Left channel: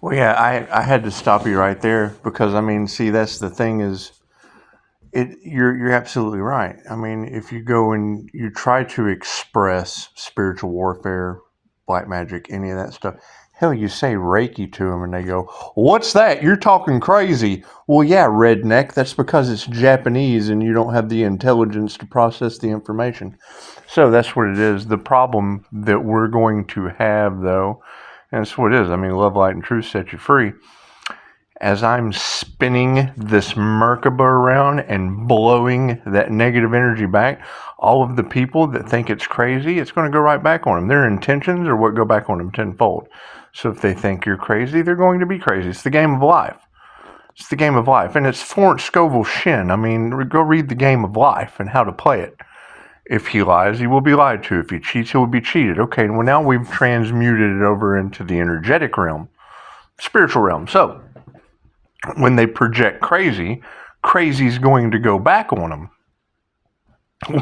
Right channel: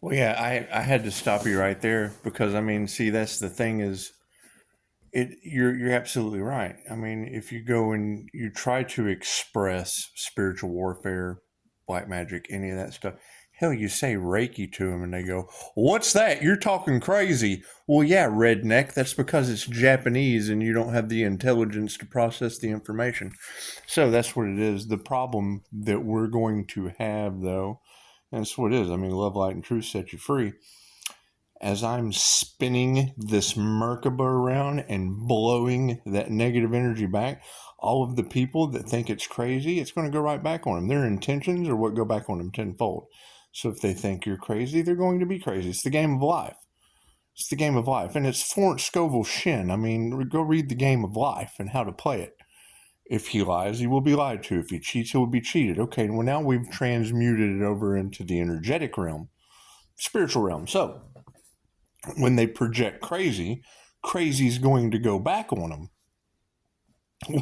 Well, yeah, I had to stop you right there because I mean, see, that's the thing is, you're absolutely right. I mean, if you go and you try to express spiritual warfare, black magic, any of that stuff, hell, you say Reiki to them and they go, "What's that? You're talking crazy." Well, yeah, redneck. That's because it's Japanese and you don't have the intelligence to process the information. So that's what it is. The problem that we're going to have, though, and that's what it is. I mean, love, light, and truth set you free. As I'm spinning this Merkaba around and blowing that negative energy back, all of the people that think it's crazy, it's going to go right back on them. Their intentions are what go back on them tenfold. So if they think you're crazy, they're going to be crazy. It's the game of life. It's the game of life. And it's Florence Scovel Shin. I mean, go read the game of life and how to play it. If he lies, he will be lied to. If he cheats, he will be cheated. Okay, well, now we've transmuted it over into the energetic realm, spiritual realm. So when they project crazy, crazy's going to go back on them.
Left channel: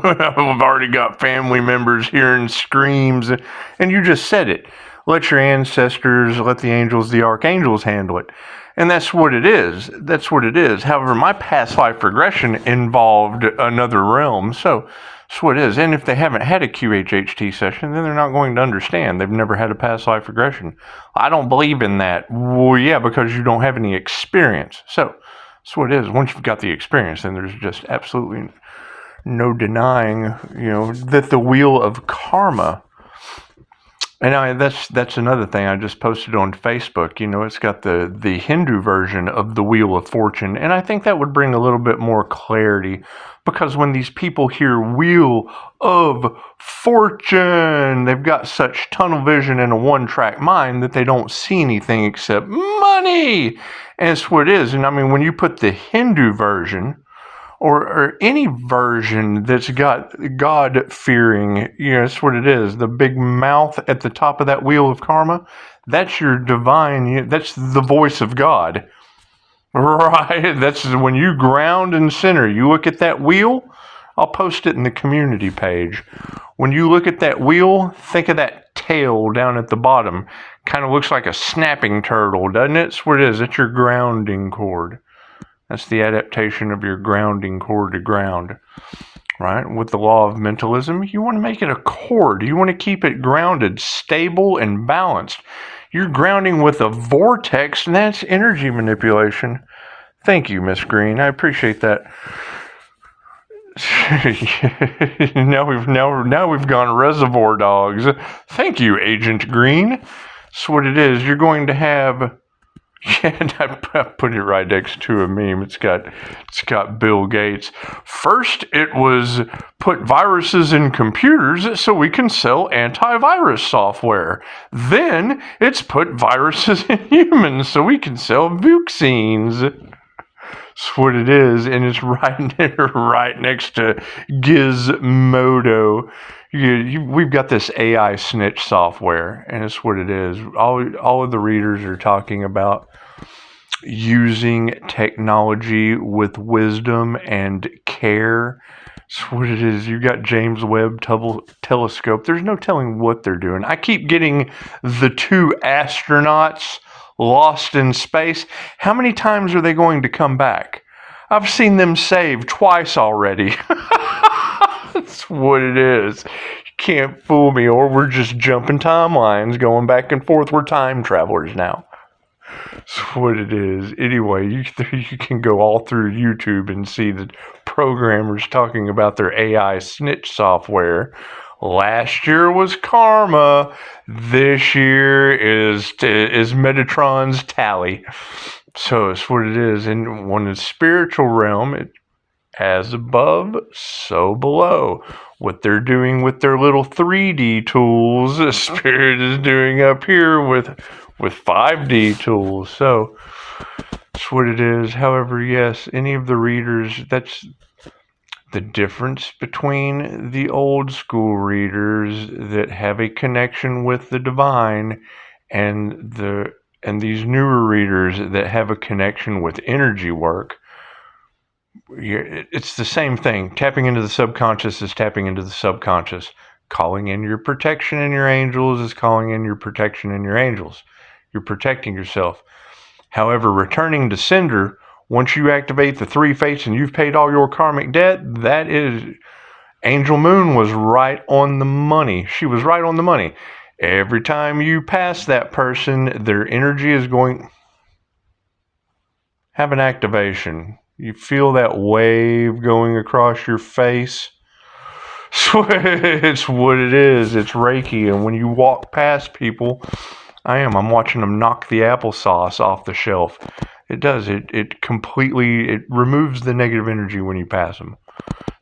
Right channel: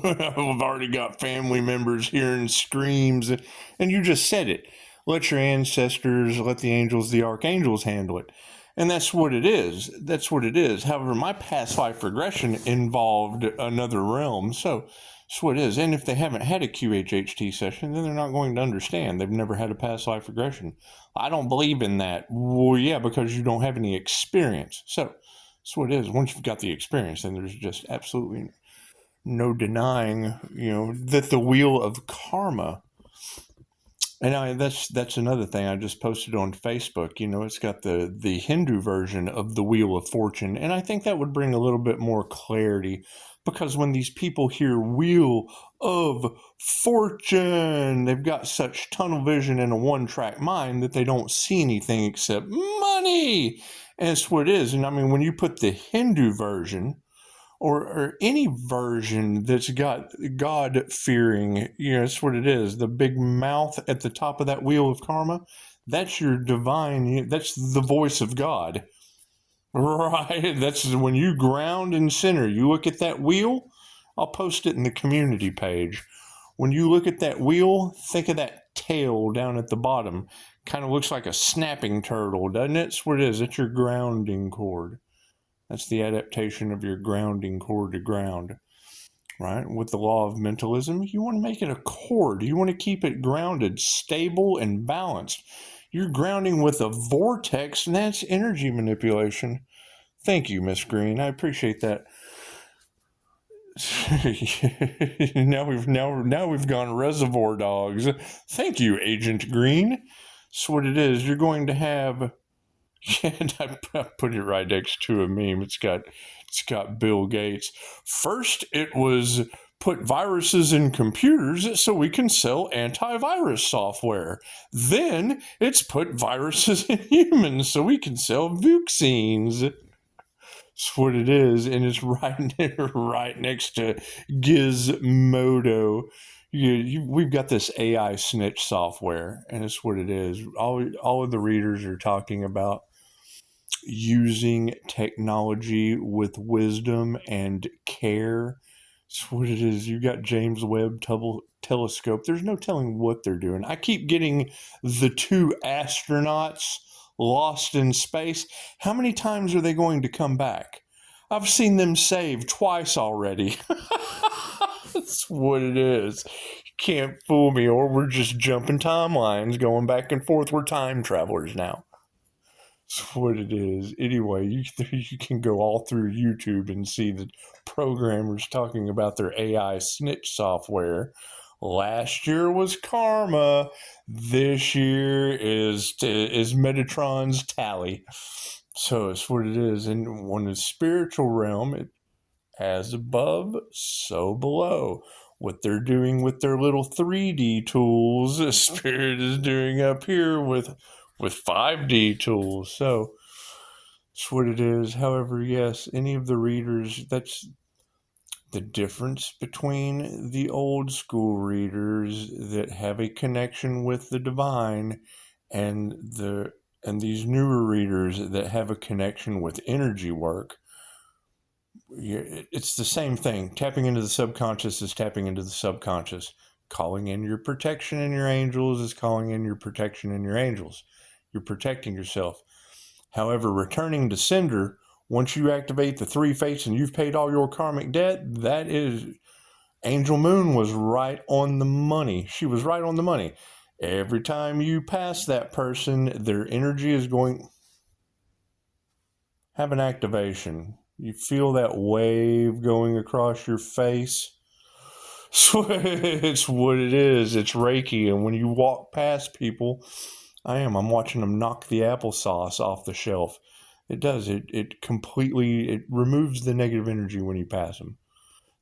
I've already got family members hearing screams, and you just said it. Let your ancestors, let the angels, the archangels handle it. And that's what it is. That's what it is. However, my past life regression involved another realm. So that's what it is. And if they haven't had a QHHT session, then they're not going to understand. They've never had a past life regression. I don't believe in that. Well, yeah, because you don't have any experience. So that's what it is. Once you've got the experience, then there's just absolutely no denying, that the wheel of karma. And that's another thing I just posted on Facebook. It's got the Hindu version of the Wheel of Fortune, and I think that would bring a little bit more clarity, because when these people hear Wheel of Fortune, they've got such tunnel vision and a one-track mind that they don't see anything except money, and it's what it is. And I mean, when you put the Hindu version, or any version that's got God-fearing, that's what it is. The big mouth at the top of that wheel of karma, that's your divine, that's the voice of God. Right? That's when you ground and center. You look at that wheel, I'll post it in the community page. When you look at that wheel, think of that tail down at the bottom. Kind of looks like a snapping turtle, doesn't it? That's what it is. It's your grounding cord. That's the adaptation of your grounding cord to ground, right? With the law of mentalism, you want to make it a cord. You want to keep it grounded, stable, and balanced. You're grounding with a vortex, and that's energy manipulation. Thank you, Miss Green. I appreciate that. now we've gone Reservoir Dogs. Thank you, Agent Green. That's what it is. You're going to have. Yeah, and I put it right next to a meme. It's got Bill Gates. First, it was put viruses in computers so we can sell antivirus software. Then it's put viruses in humans so we can sell vaccines. That's what it is, and it's right next to Gizmodo. We've got this AI snitch software, and it's what it is. All of the readers are talking about using technology with wisdom and care. That's what it is. You got James Webb telescope. There's no telling what they're doing. I keep getting the two astronauts lost in space. How many times are they going to come back? I've seen them saved twice already. That's what it is. You can't fool me, or we're just jumping timelines, going back and forth. We're time travelers now. That's what it is. Anyway, you can go all through YouTube and see the programmers talking about their AI snitch software. Last year was Karma. This year is Metatron's Tally. So it's what it is. And when it's spiritual realm, it as above, so below. What they're doing with their little 3D tools, the Spirit is doing up here with 5D tools. So that's what it is. However, yes, any of the readers, that's the difference between the old school readers that have a connection with the divine and these newer readers that have a connection with energy work. It's the same thing. Tapping into the subconscious is tapping into the subconscious. Calling in your protection and your angels is calling in your protection and your angels. You're protecting yourself. However, returning to sender, once you activate the 3 fates and you've paid all your karmic debt, that is, Angel Moon was right on the money. She was right on the money. Every time you pass that person, their energy is going, have an activation. You feel that wave going across your face. It's what it is. It's Reiki. And when you walk past people, I'm watching them knock the applesauce off the shelf. It does. It completely, it removes the negative energy when you pass them.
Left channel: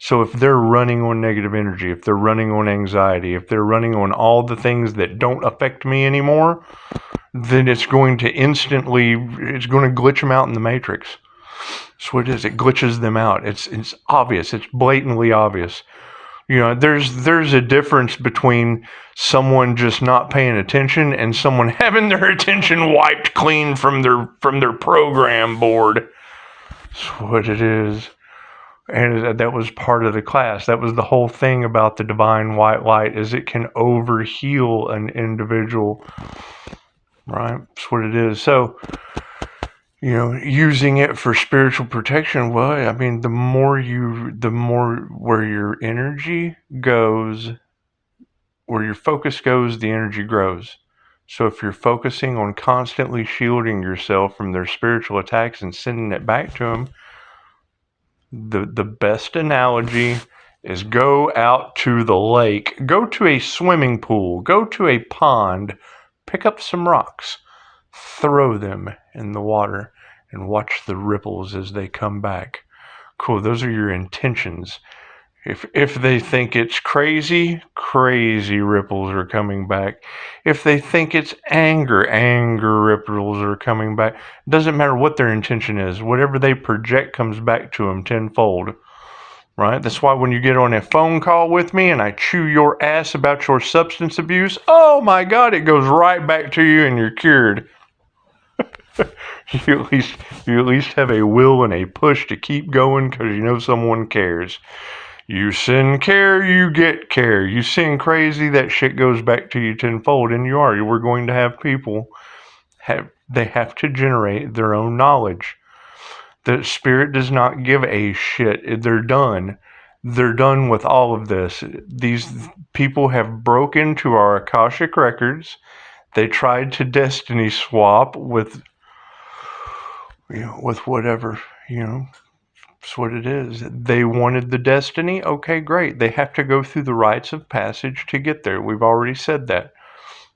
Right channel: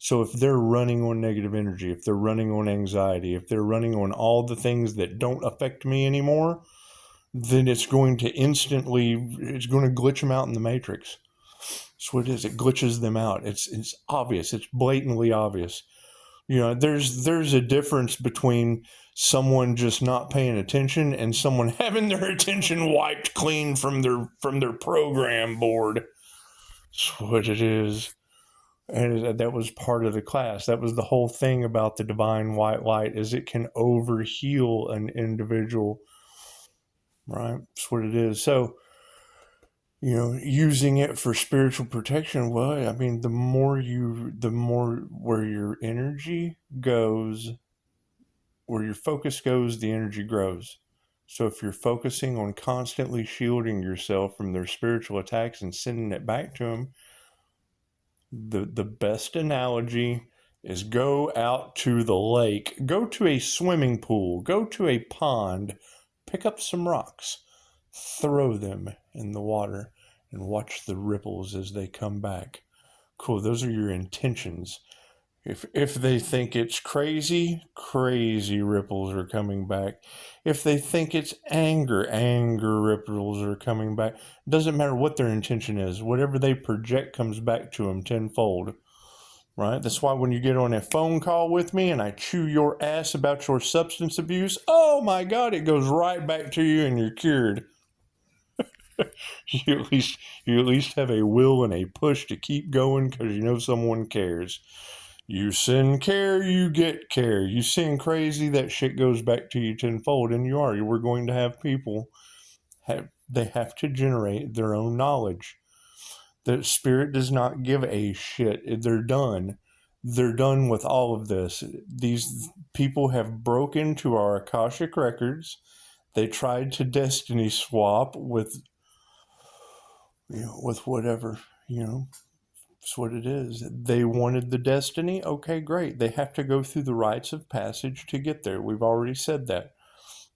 So if they're running on negative energy, if they're running on anxiety, if they're running on all the things that don't affect me anymore, then it's going to it's going to glitch them out in the matrix. That's what it is. It glitches them out. It's obvious. It's blatantly obvious. You know, there's a difference between someone just not paying attention and someone having their attention wiped clean from their program board. That's what it is. And that was part of the class. That was the whole thing about the divine white light, is it can overheal an individual. Right? That's what it is. So, you know, using it for spiritual protection, well, I mean, the more where your energy goes, where your focus goes, the energy grows. So if you're focusing on constantly shielding yourself from their spiritual attacks and sending it back to them, the best analogy is go out to the lake, go to a swimming pool, go to a pond, pick up some rocks, throw them in the water, and watch the ripples as they come back. Cool, those are your intentions. If they think it's crazy ripples are coming back. If they think it's anger ripples are coming back. It doesn't matter what their intention is. Whatever they project comes back to them tenfold. Right? That's why when you get on a phone call with me and I chew your ass about your substance abuse, oh my God, it goes right back to you and you're cured. You at least have a will and a push to keep going because you know someone cares. You send care, you get care. You send crazy, that shit goes back to you tenfold. And we're going to have people they have to generate their own knowledge. The spirit does not give a shit. They're done. They're done with all of this. These people have broken into our Akashic records. They tried to destiny swap with whatever, that's what it is. They wanted the destiny. Okay, great. They have to go through the rites of passage to get there. We've already said that.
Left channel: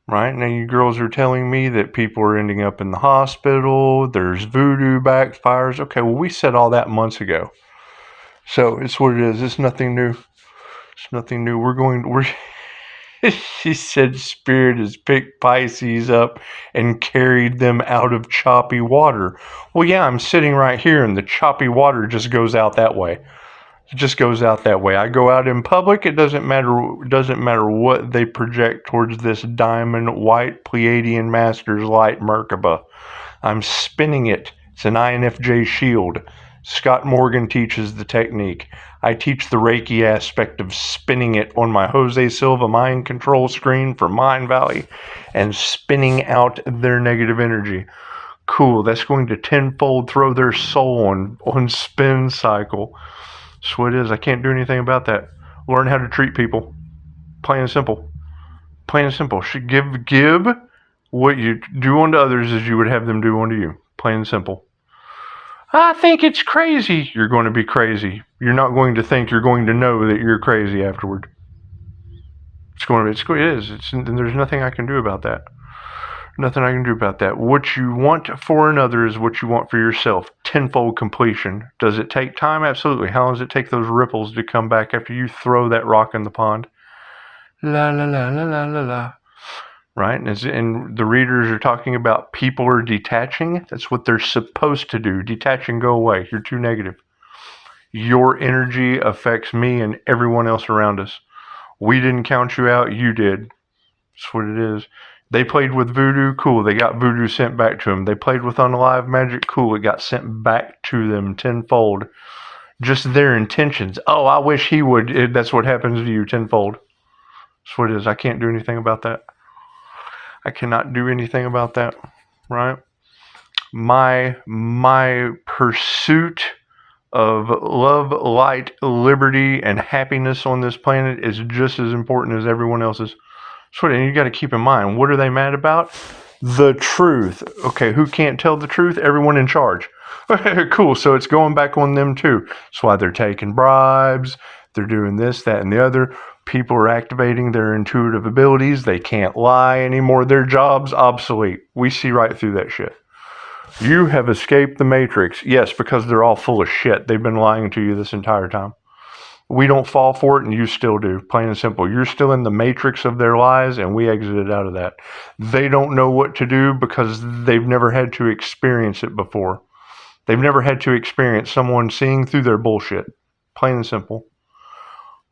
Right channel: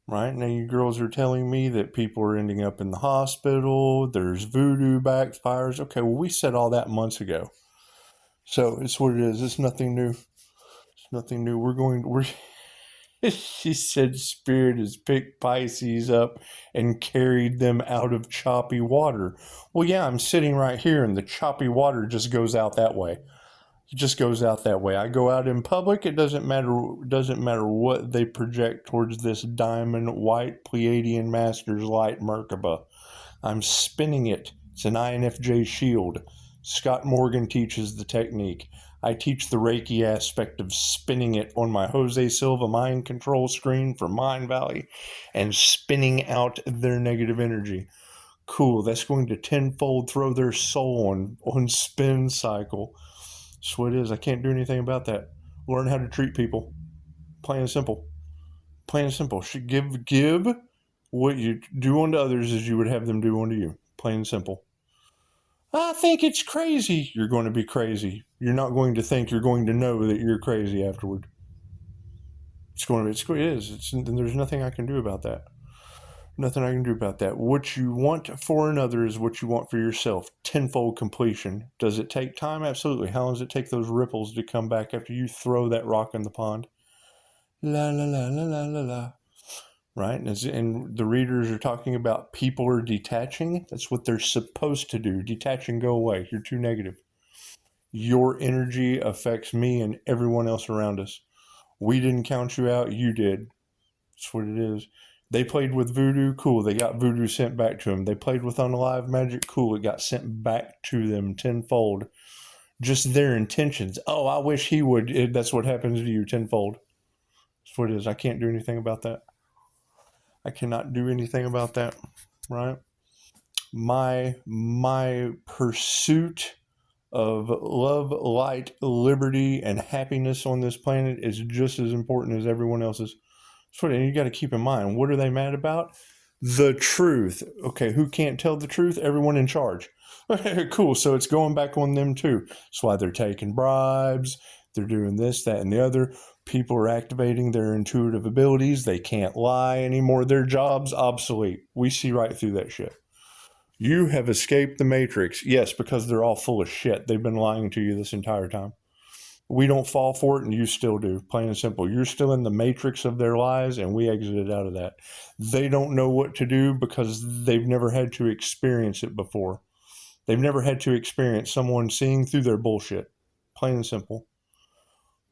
Right? Now you girls are telling me that people are ending up in the hospital. There's voodoo backfires. Okay, well, we said all that months ago. So it's what it is. It's nothing new. It's nothing new. She said spirit has picked Pisces up and carried them out of choppy water. Well, yeah, I'm sitting right here and the choppy water just goes out that way. It just goes out that way. I go out in public. It doesn't matter what they project towards this diamond white Pleiadian Masters light Merkaba. I'm spinning it. It's an INFJ shield. Scott Morgan teaches the technique. I teach the Reiki aspect of spinning it on my Jose Silva mind control screen for Mind Valley and spinning out their negative energy. Cool. That's going to tenfold throw their soul on spin cycle. That's what it is. I can't do anything about that. Learn how to treat people. Plain and simple. Plain and simple. Should give what you do unto others as you would have them do unto you. Plain and simple. I think it's crazy. You're going to be crazy. You're not going to think. You're going to know that you're crazy afterward. It is. There's nothing I can do about that. Nothing I can do about that. What you want for another is what you want for yourself. Tenfold completion. Does it take time? Absolutely. How long does it take those ripples to come back after you throw that rock in the pond? La la la la la la la. Right? And the readers are talking about people are detaching. That's what they're supposed to do. Detach and go away. You're too negative. Your energy affects me and everyone else around us. We didn't count you out. You did. That's what it is. They played with voodoo. Cool. They got voodoo sent back to them. They played with unalive magic. Cool. It got sent back to them tenfold. Just their intentions. Oh, I wish he would. That's what happens to you tenfold. That's what it is. I can't do anything about that. I cannot do anything about that. right? My pursuit of love, light, liberty, and happiness on this planet is just as important as everyone else's. So, and you got to keep in mind, what are they mad about? The truth. Okay, who can't tell the truth? Everyone in charge. Cool, so it's going back on them too. That's why they're taking bribes, they're doing this, that, and the other. People are activating their intuitive abilities. They can't lie anymore. Their job's obsolete. We see right through that shit. You have escaped the Matrix. Yes, because they're all full of shit. They've been lying to you this entire time. We don't fall for it, and you still do. Plain and simple. You're still in the matrix of their lies, and we exited out of that. They don't know what to do because they've never had to experience it before. They've never had to experience someone seeing through their bullshit. Plain and simple.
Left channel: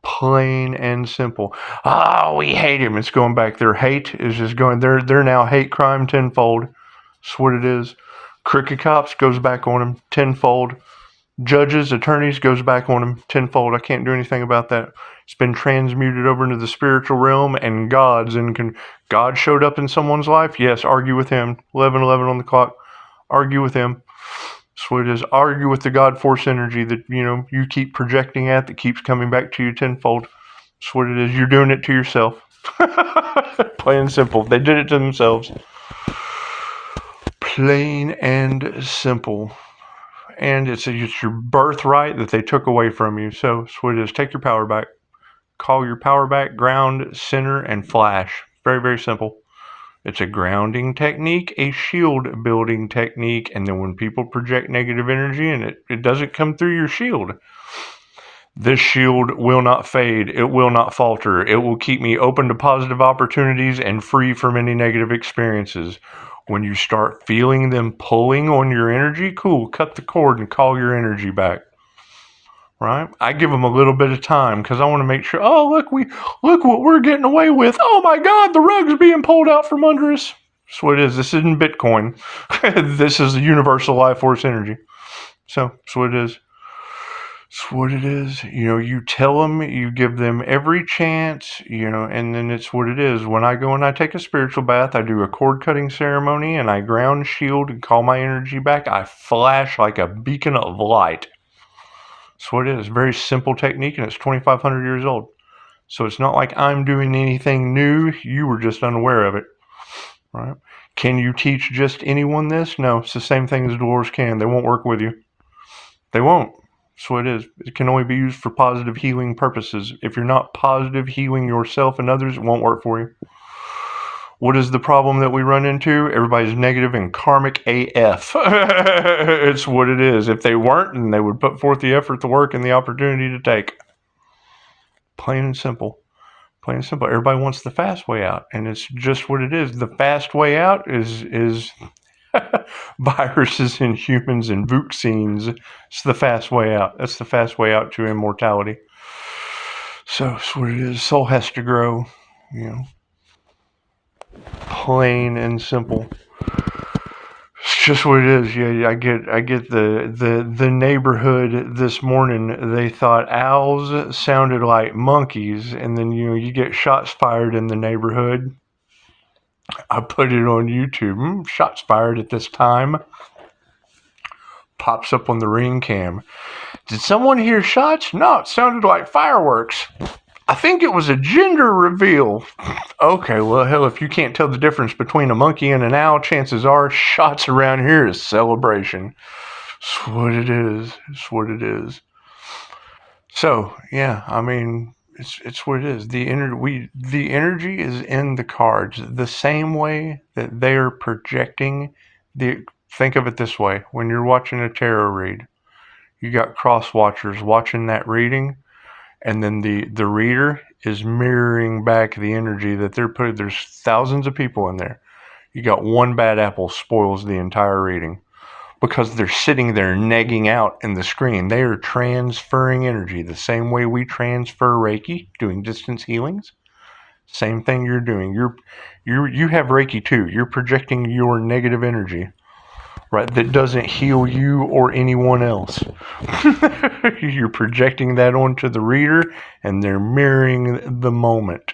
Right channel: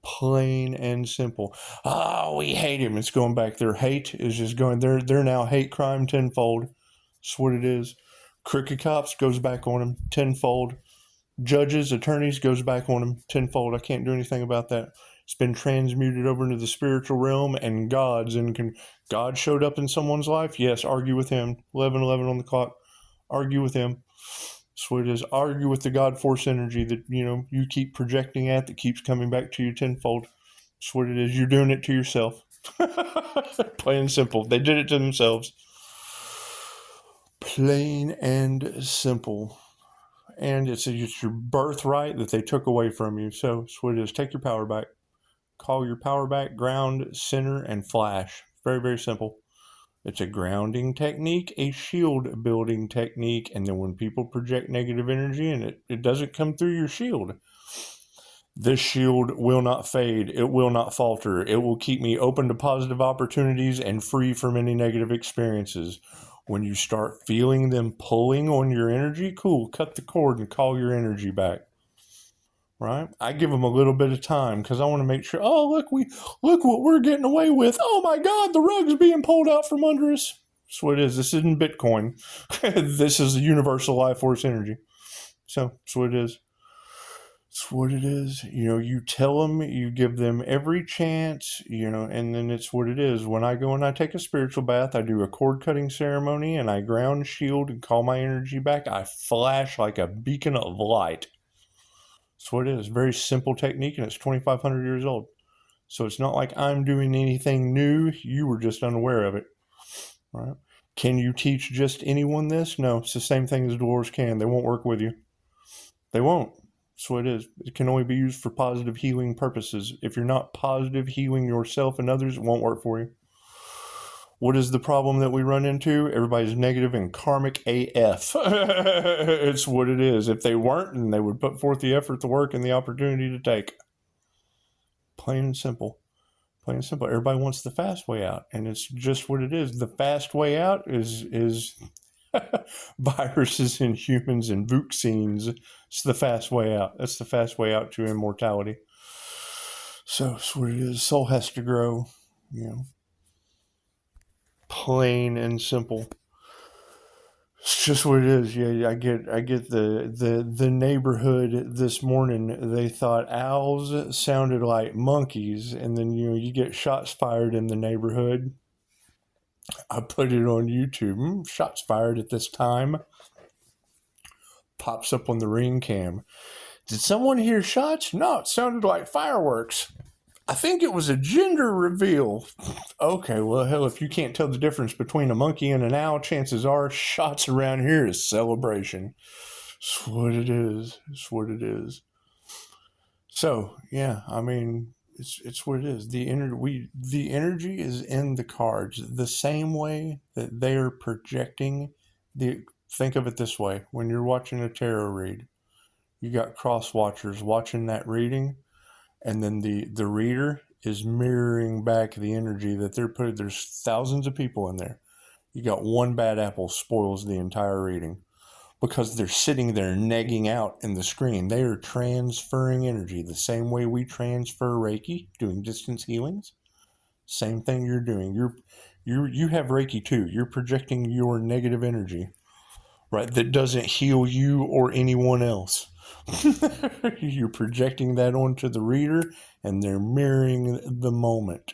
Plain and simple. Oh, we hate him. It's going back. Their hate is just going. They're now hate crime tenfold. That's what it is. Crooked cops goes back on them tenfold. Judges, attorneys goes back on them tenfold. I can't do anything about that. It's been transmuted over into the spiritual realm, and God showed up in someone's life. Yes, argue with him. 11:11 on the clock. Argue with him. That's what it is. Argue with the God force energy that you keep projecting at that keeps coming back to you tenfold. That's what it is. You're doing it to yourself. Plain and simple. They did it to themselves. Plain and simple. And it's your birthright that they took away from you. So that's what it is. Take your power back. Call your power back, ground, center, and flash. Very, very simple. It's a grounding technique, a shield building technique, and then when people project negative energy and it doesn't come through your shield, this shield will not fade. It will not falter. It will keep me open to positive opportunities and free from any negative experiences. When you start feeling them pulling on your energy, cool, cut the cord and call your energy back. Right? I give them a little bit of time because I want to make sure, look what we're getting away with. Oh my God, the rug's being pulled out from under us. That's what it is. This isn't Bitcoin. This is the universal life force energy. So that's what it is. It's what it is. You tell them, you give them every chance, and then it's what it is. When I go and I take a spiritual bath, I do a cord cutting ceremony and I ground, shield, and call my energy back. I flash like a beacon of light. That's what it is. Very simple technique, and it's 2,500 years old. So it's not like I'm doing anything new. You were just unaware of it. Right? Can you teach just anyone this? No, it's the same thing as Dolores can. They won't work with you. They won't. That's what it is. It can only be used for positive healing purposes. If you're not positive healing yourself and others, it won't work for you. What is the problem that we run into? Everybody's negative and karmic AF. It's what it is. If they weren't, then they would put forth the effort, the work, and the opportunity to take. Plain and simple. Plain and simple. Everybody wants the fast way out, and it's just what it is. The fast way out is viruses and humans and vaccines. It's the fast way out. That's the fast way out to immortality. So it's what it is. Soul has to grow, Plain and simple. It's just what it is. Yeah, I get the neighborhood this morning. They thought owls sounded like monkeys, and then you get shots fired in the neighborhood. I put it on YouTube. Shots fired at this time. Pops up on the ring cam. Did someone hear shots? No, it sounded like fireworks. I think it was a gender reveal. Okay, well, hell, if you can't tell the difference between a monkey and an owl, chances are shots around here is celebration. It's what it is. It's what it is. So, yeah, I mean, it's what it is. The energy is in the cards. The same way that they are projecting think of it this way. When you're watching a tarot read, you got cross watchers watching that reading, and then the reader is mirroring back the energy that they're putting. There's thousands of people in there. You got one bad apple spoils the entire reading because they're sitting there negging out in the screen. They are transferring energy the same way we transfer Reiki, doing distance healings. Same thing you're doing. You have Reiki too. You're projecting your negative energy, right? That doesn't heal you or anyone else. You're projecting that onto the reader, and they're mirroring the moment.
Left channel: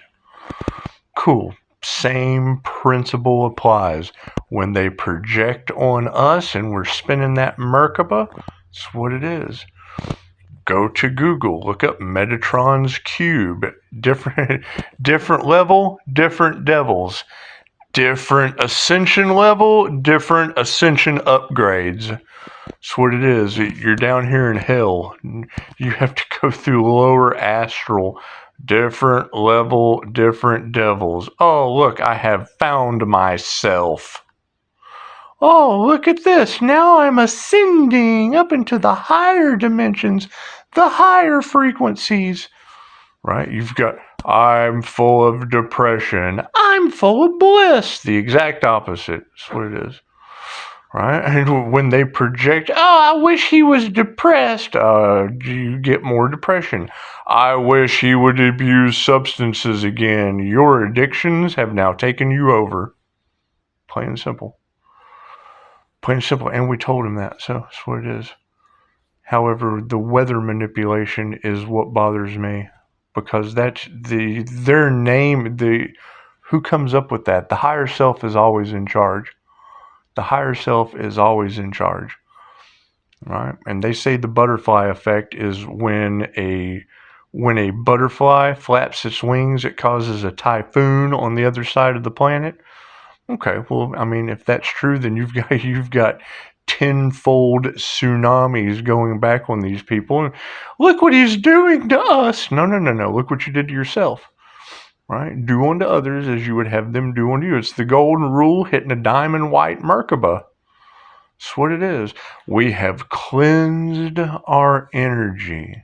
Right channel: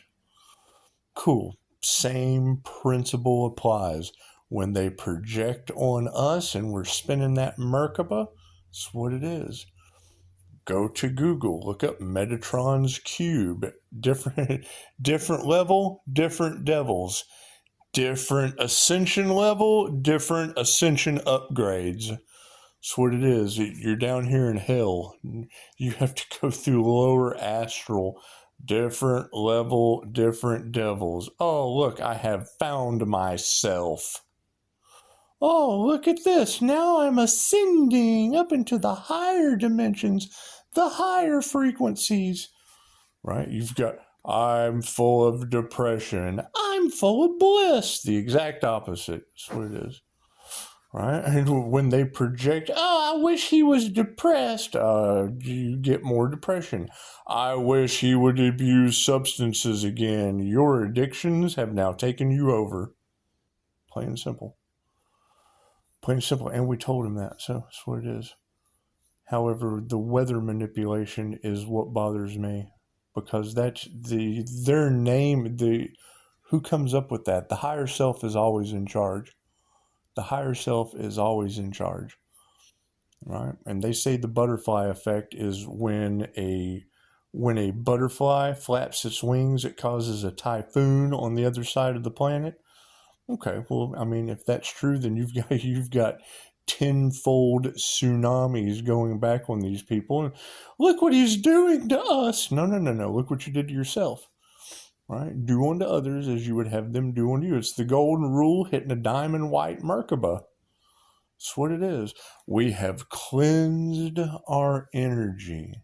Cool. Same principle applies. When they project on us and we're spinning that Merkaba, that's what it is. Go to Google, look up Metatron's cube. Different level, different devils. Different ascension level, different ascension upgrades. That's what it is. You're down here in hell. You have to go through lower astral. Different level, different devils. Oh, look, I have found myself. Oh, look at this. Now I'm ascending up into the higher dimensions, the higher frequencies. Right? You've got, I'm full of depression. I'm full of bliss. The exact opposite. That's what it is. Right? And when they project, oh, I wish he was depressed, you get more depression. I wish he would abuse substances again. Your addictions have now taken you over. Plain and simple. Plain and simple. And we told him that, so that's what it is. However, the weather manipulation is what bothers me, because that's their name. Who comes up with that? The higher self is always in charge. The higher self is always in charge, right? And they say the butterfly effect is when a butterfly flaps its wings, it causes a typhoon on the other side of the planet. Okay, well, I mean, if that's true, then you've got tenfold tsunamis going back on these people. Look what he's doing to us. No. Look what you did to yourself. Right? Do unto others as you would have them do unto you. It's the golden rule hitting a diamond white Merkaba. That's what it is. We have cleansed our energy.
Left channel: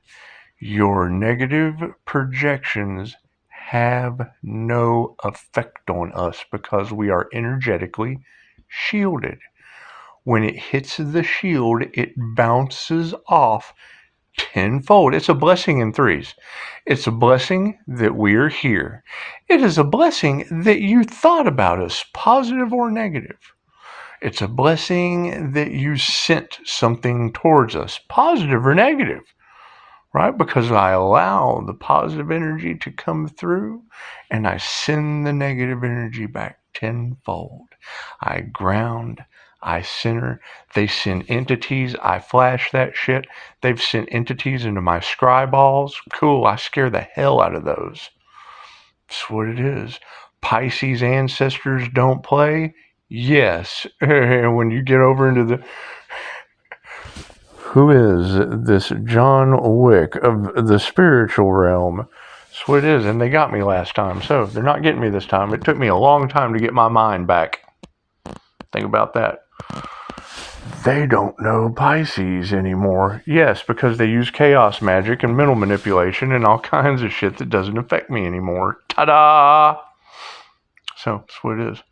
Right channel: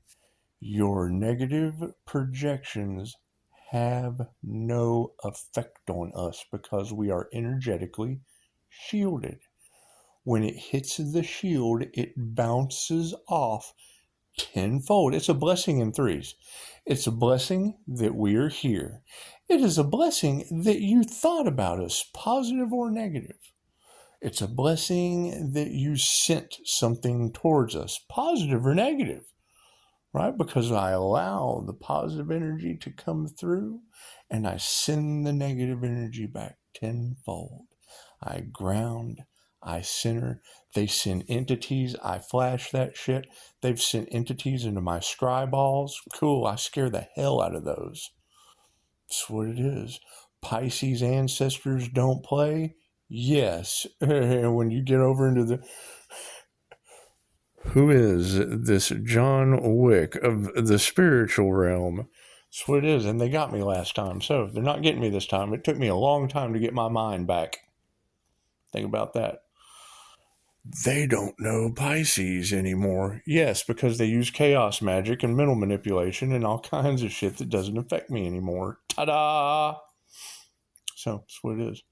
Your negative projections have no effect on us because we are energetically shielded. When it hits the shield, it bounces off tenfold. It's a blessing in threes. It's a blessing that we're here. It is a blessing that you thought about us, positive or negative. It's a blessing that you sent something towards us, positive or negative, right? Because I allow the positive energy to come through and I send the negative energy back tenfold. I ground, I center. They send entities. I flash that shit. They've sent entities into my scry balls. Cool. I scare the hell out of those. That's what it is. Pisces ancestors don't play. Yes. When you get over into the... Who is this John Wick of the spiritual realm? That's what it is. And they got me last time. So they're not getting me this time. It took me a long time to get my mind back. Think about that. They don't know Pisces anymore. Yes, because they use chaos magic and mental manipulation and all kinds of shit that doesn't affect me anymore. Ta-da! So, that's what it is.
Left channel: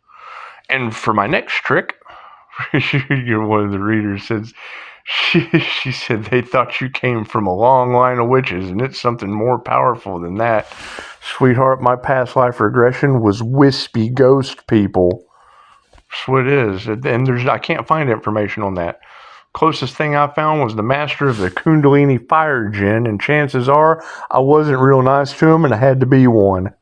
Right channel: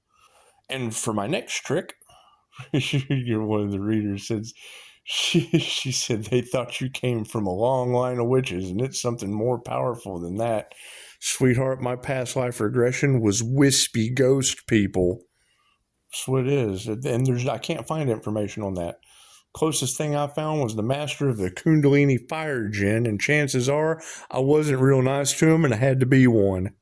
And for my next trick, one of the readers says, she said they thought you came from a long line of witches and it's something more powerful than that. Sweetheart, my past life regression was wispy ghost people. That's what it is. And I can't find information on that. Closest thing I found was the master of the Kundalini fire djinn, and chances are I wasn't real nice to him and I had to be one.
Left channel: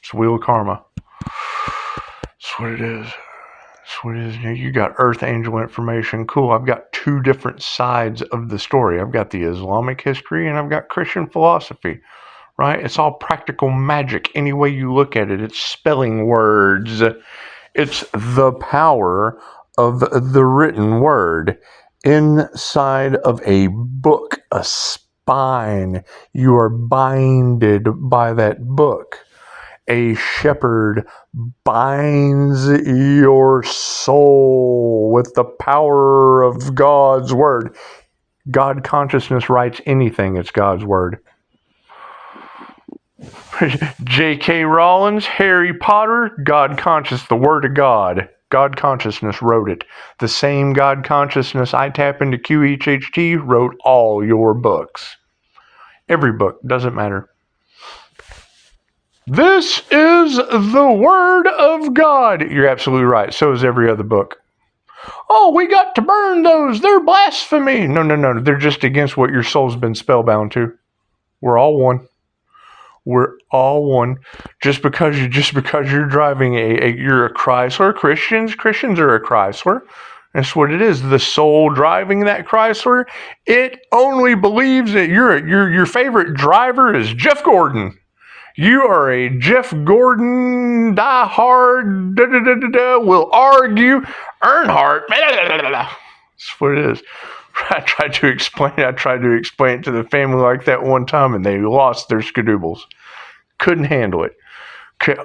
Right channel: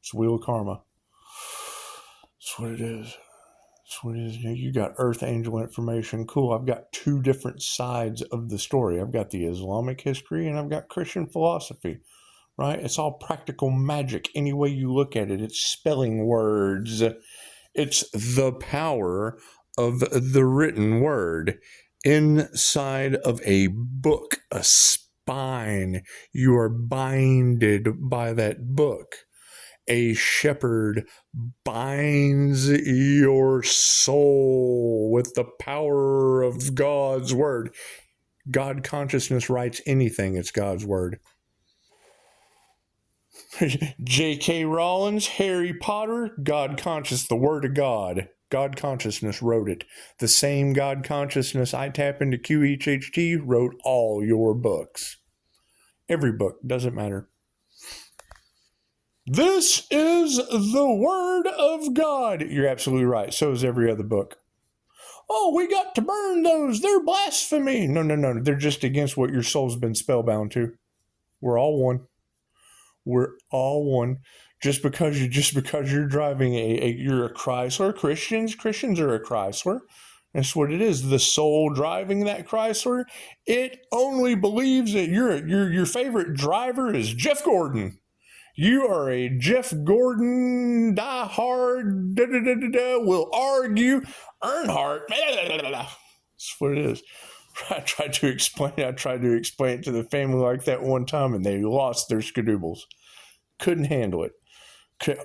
It's Wheel of Karma. That's what it is. That's what it is. You got Earth Angel information. Cool. I've got two different sides of the story. I've got the Islamic history and I've got Christian philosophy. Right? It's all practical magic. Any way you look at it, it's spelling words. It's the power of the written word inside of a book, a spine. You are binded by that book. A shepherd binds your soul with the power of God's word. God consciousness writes anything, it's God's word. J.K. Rowling, Harry Potter, God conscious, the word of God. God consciousness wrote it. The same God consciousness I tap into QHHT wrote all your books. Every book, doesn't matter. This is the word of God. You're absolutely right. So is every other book. Oh, we got to burn those. They're blasphemy. No. They're just against what your soul's been spellbound to. We're all one. We're all one. Just because you're driving you're a Chrysler. Christians are a Chrysler. That's what it is. The soul driving that Chrysler, it only believes that your favorite driver is Jeff Gordon. You are a Jeff Gordon diehard. Will argue. Earnhardt. That's what it is. I tried to explain it to the family like that one time, and they lost their skadoodles. Couldn't handle it.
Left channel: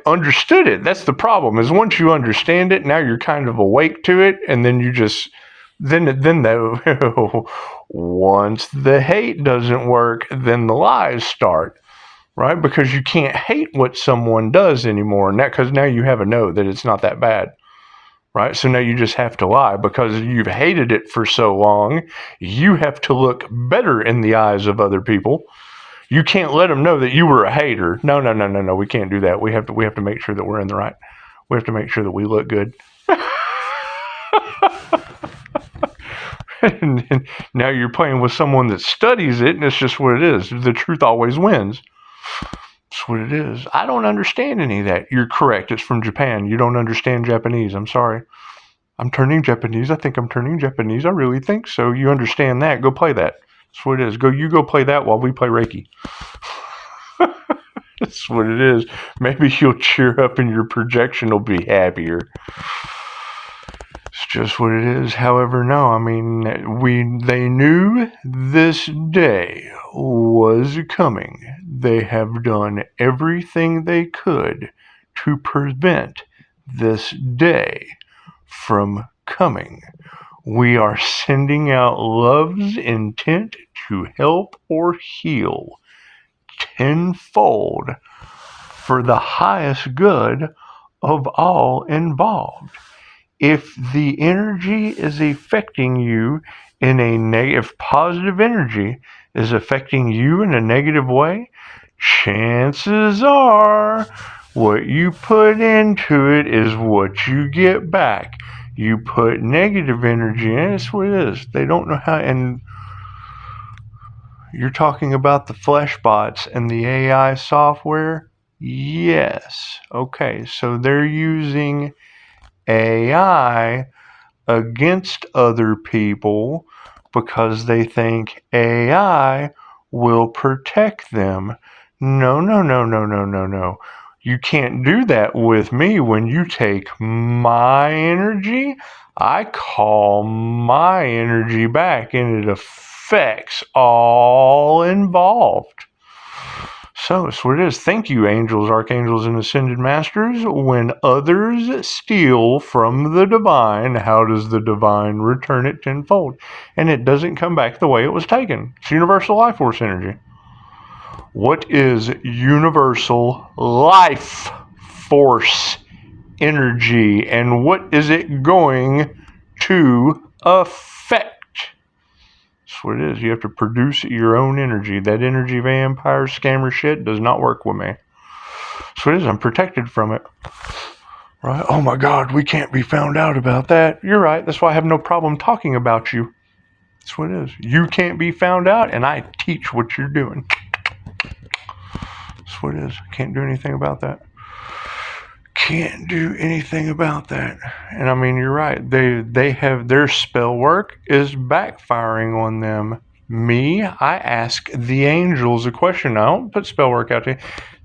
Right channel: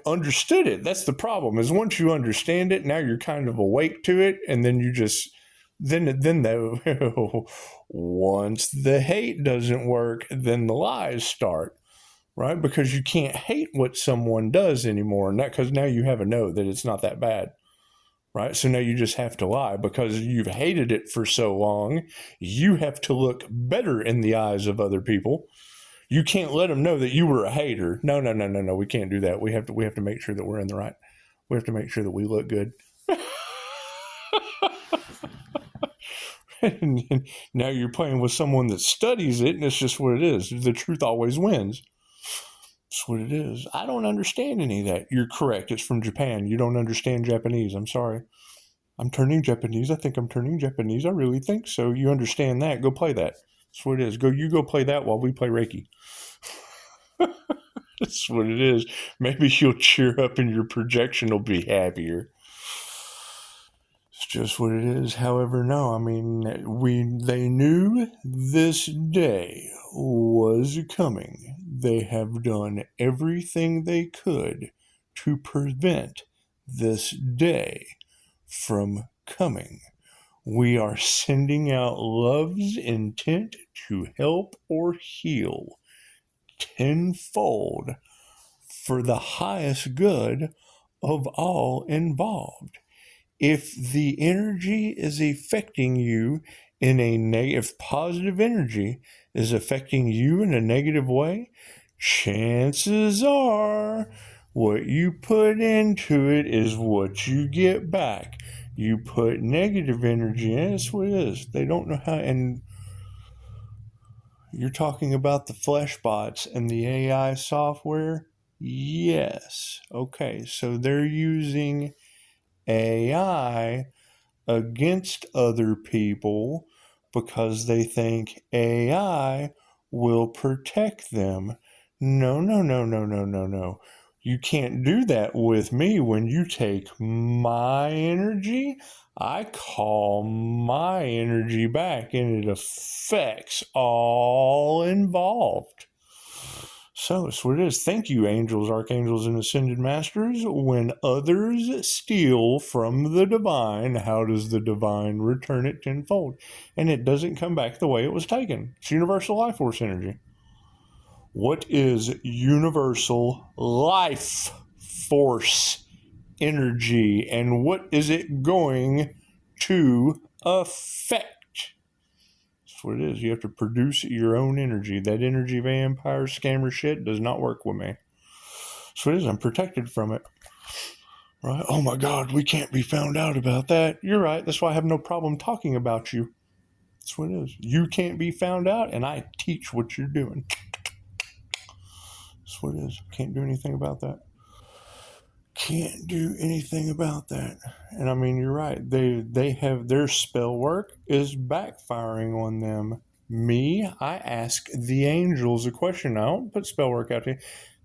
Understood it. That's the problem. Is once you understand it, now you're kind of awake to it, and then you just once the hate doesn't work, then the lies start, right? Because you can't hate what someone does anymore, and because now you have a know that it's not that bad. Right? So now you just have to lie because you've hated it for so long. You have to look better in the eyes of other people. You can't let them know that you were a hater. No. We can't do that. We have to make sure that we're in the right. We have to make sure that we look good. And now you're playing with someone that studies it, and it's just what it is. The truth always wins. That's what it is. I don't understand any of that. You're correct. It's from Japan. You don't understand Japanese. I'm sorry. I'm turning Japanese. I think I'm turning Japanese. I really think so. You understand that. Go play that. That's what it is. You go play that while we play Reiki. That's what it is. Maybe you'll cheer up and your projection will be happier. It's just what it is. However, no, I mean, they knew this day was coming. They have done everything they could to prevent this day from coming. We are sending out love's intent to help or heal tenfold for the highest good of all involved. If the energy is affecting you in a negative, positive energy is affecting you in a negative way, chances are what you put into it is what you get back. You put negative energy in, it's what it is. They don't know how, and you're talking about the flesh bots and the AI software? Yes. Okay, so they're using AI against other people because they think AI will protect them. No. You can't do that with me. When you take my energy, I call my energy back and it affects all involved. So it's what it is. Thank you, angels, archangels, and ascended masters. When others steal from the divine, how does the divine return it tenfold? And it doesn't come back the way it was taken. It's universal life force energy. What is universal life force energy, and what is it going to affect? That's what it is. You have to produce your own energy. That energy vampire scammer shit does not work with me. That's what it is. I'm protected from it. Right? Oh my God, we can't be found out about that. You're right. That's why I have no problem talking about you. That's what it is. You can't be found out, and I teach what you're doing. That's what it is. I can't do anything about that. Can't do anything about that. And I mean, you're right. They have their spell work is backfiring on them. Me, I ask the angels a question. I don't put spell work out to you.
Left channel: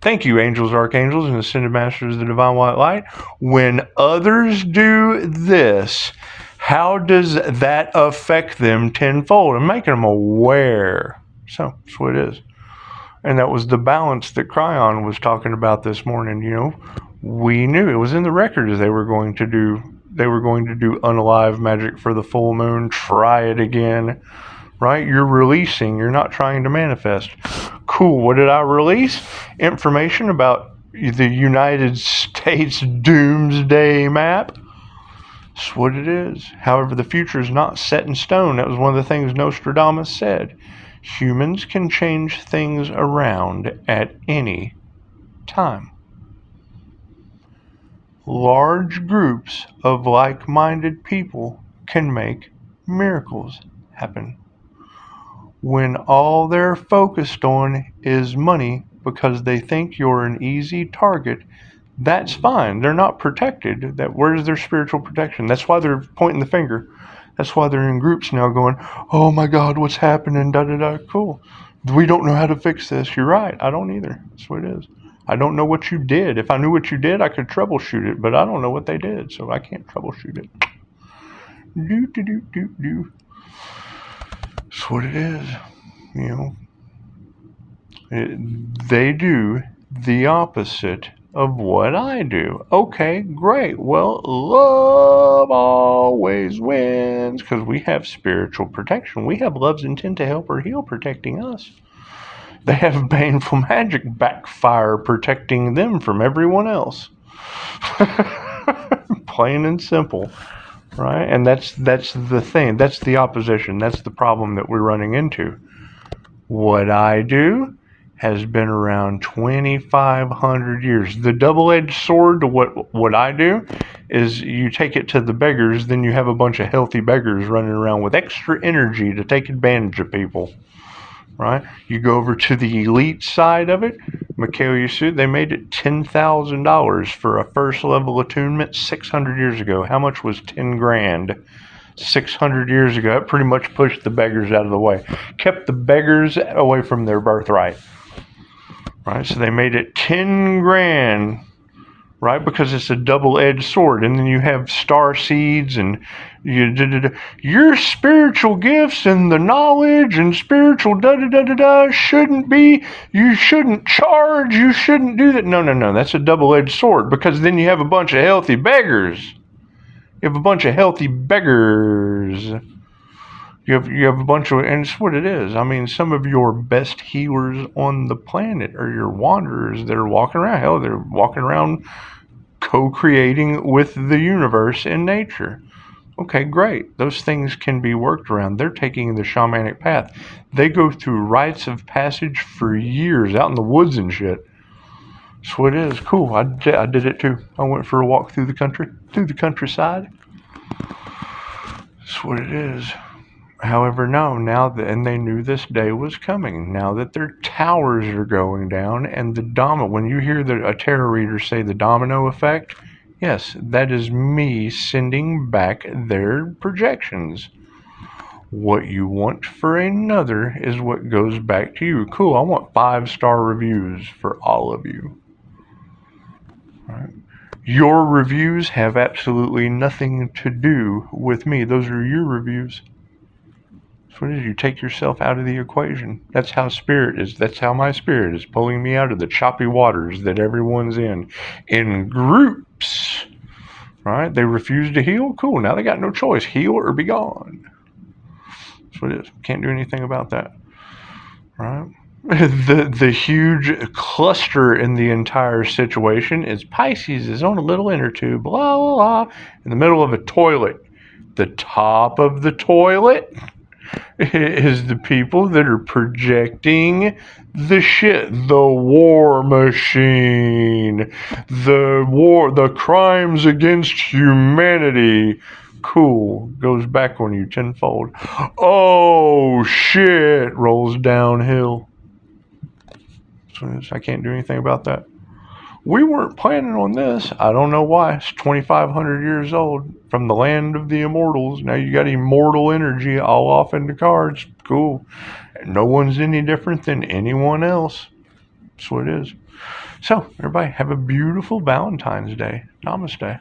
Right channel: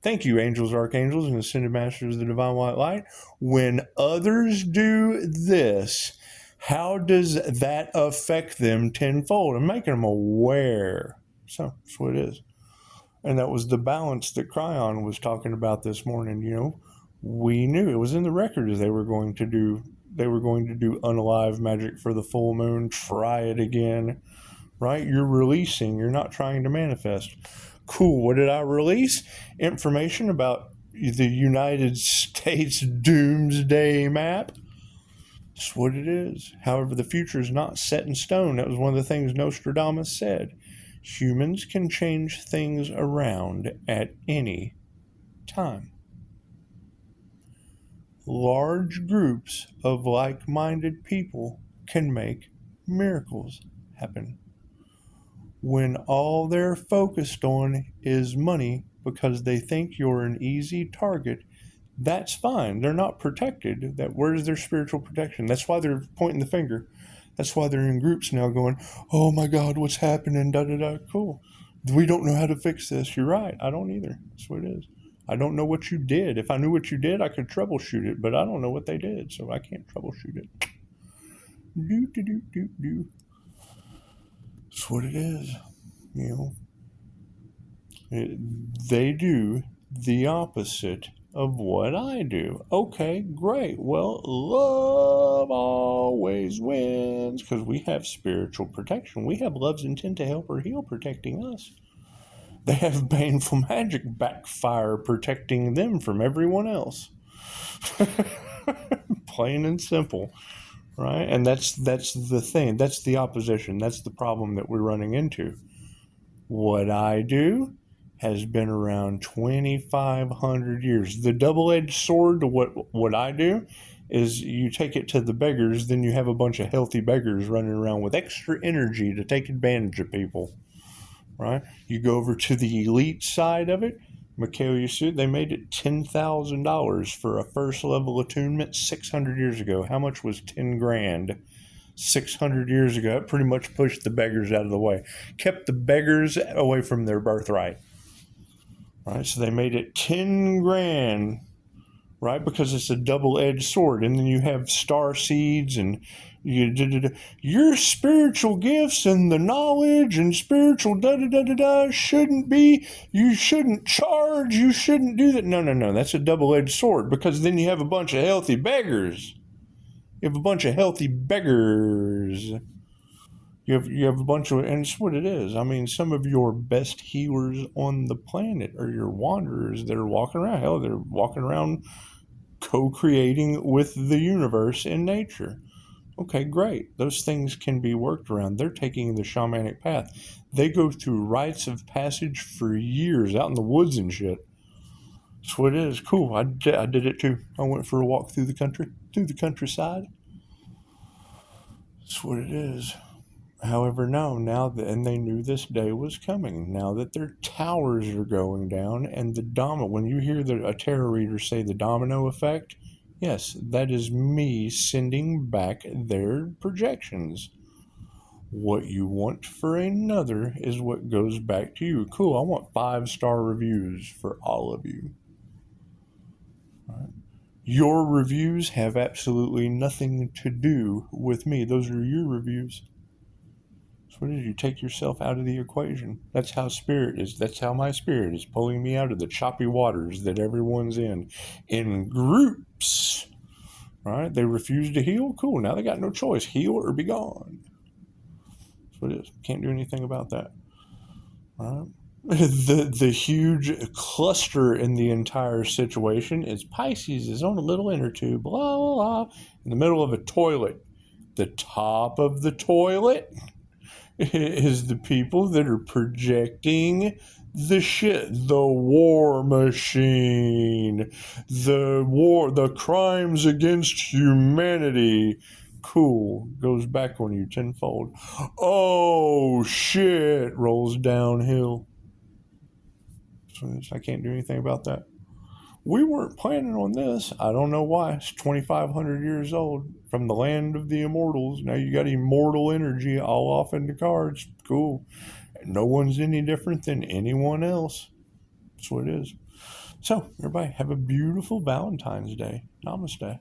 Thank you, angels, archangels, and ascended masters of the divine white light. When others do this, how does that affect them tenfold? I'm making them aware. So that's what it is. And that was the balance that Cryon was talking about this morning. You know, we knew it was in the records they were going to do unalive magic for the full moon. Try it again, right? You're releasing. You're not trying to manifest. Cool. What did I release? Information about the United States doomsday map. That's what it is. However, the future is not set in stone. That was one of the things Nostradamus said. Humans can change things around at any time. Large groups of like-minded people can make miracles happen. When all they're focused on is money, because they think you're an easy target, that's fine. They're not protected. Where's their spiritual protection? That's why they're pointing the finger. That's why they're in groups now going, oh my God, what's happening? Da da da. Cool. We don't know how to fix this. You're right. I don't either. That's what it is. I don't know what you did. If I knew what you did, I could troubleshoot it, but I don't know what they did, so I can't troubleshoot it. Do do do do do. That's what it is. They do the opposite of what I do. Okay, great. Well, love always wins because we have spiritual protection. We have love's intent to help or heal protecting us. They have baneful magic backfire protecting them from everyone else. Plain and simple, right? And that's the thing. That's the opposition. That's the problem that we're running into. What I do has been around 2,500 years. The double-edged sword to what I do is you take it to the beggars, then you have a bunch of healthy beggars running around with extra energy to take advantage of people, right? You go over to the elite side of it, Mikhail Yusuf, they made it $10,000 for a first level attunement 600 years ago. How much was 10 grand? 600 years ago, it pretty much pushed the beggars out of the way, kept the beggars away from their birthright, right? So they made it 10 grand, right? Because it's a double-edged sword. And then you have star seeds and your spiritual gifts and the knowledge and spiritual shouldn't be, you shouldn't charge, you shouldn't do that. No, that's a double-edged sword, because then you have a bunch of healthy beggars. You have a bunch of healthy beggars. You have a bunch of, and it's what it is. I mean, some of your best healers on the planet are your wanderers. They're walking around. Hell, they're walking around co-creating with the universe and nature. Okay, great. Those things can be worked around. They're taking the shamanic path. They go through rites of passage for years out in the woods and shit. That's what it is. Cool. I did it too. I went for a walk through the countryside. That's what it is. However, no, and they knew this day was coming. Now that their towers are going down and when you hear a tarot reader say the domino effect, yes, that is me sending back their projections. What you want for another is what goes back to you. Cool. I want 5-star reviews for all of you. Right. Your reviews have absolutely nothing to do with me. Those are your reviews. So what is, you take yourself out of the equation. That's how spirit is. That's how my spirit is pulling me out of the choppy waters that everyone's in groups. Right? They refuse to heal. Cool. Now they got no choice. Heal or be gone. That's what it is. Can't do anything about that. Right? The huge cluster in the entire situation is Pisces is on a little inner tube, blah, blah, blah, in the middle of a toilet. The top of the toilet is the people that are projecting the shit, the war machine, the crimes against humanity. Cool. Goes back on you tenfold. Oh, shit. Rolls downhill. I can't do anything about that. We weren't planning on this. I don't know why. It's 2,500 years old from the land of the immortals. Now you got immortal energy all off in the cards. Cool. No one's any different than anyone else. That's what it is. So, everybody, have a beautiful Valentine's Day. Namaste.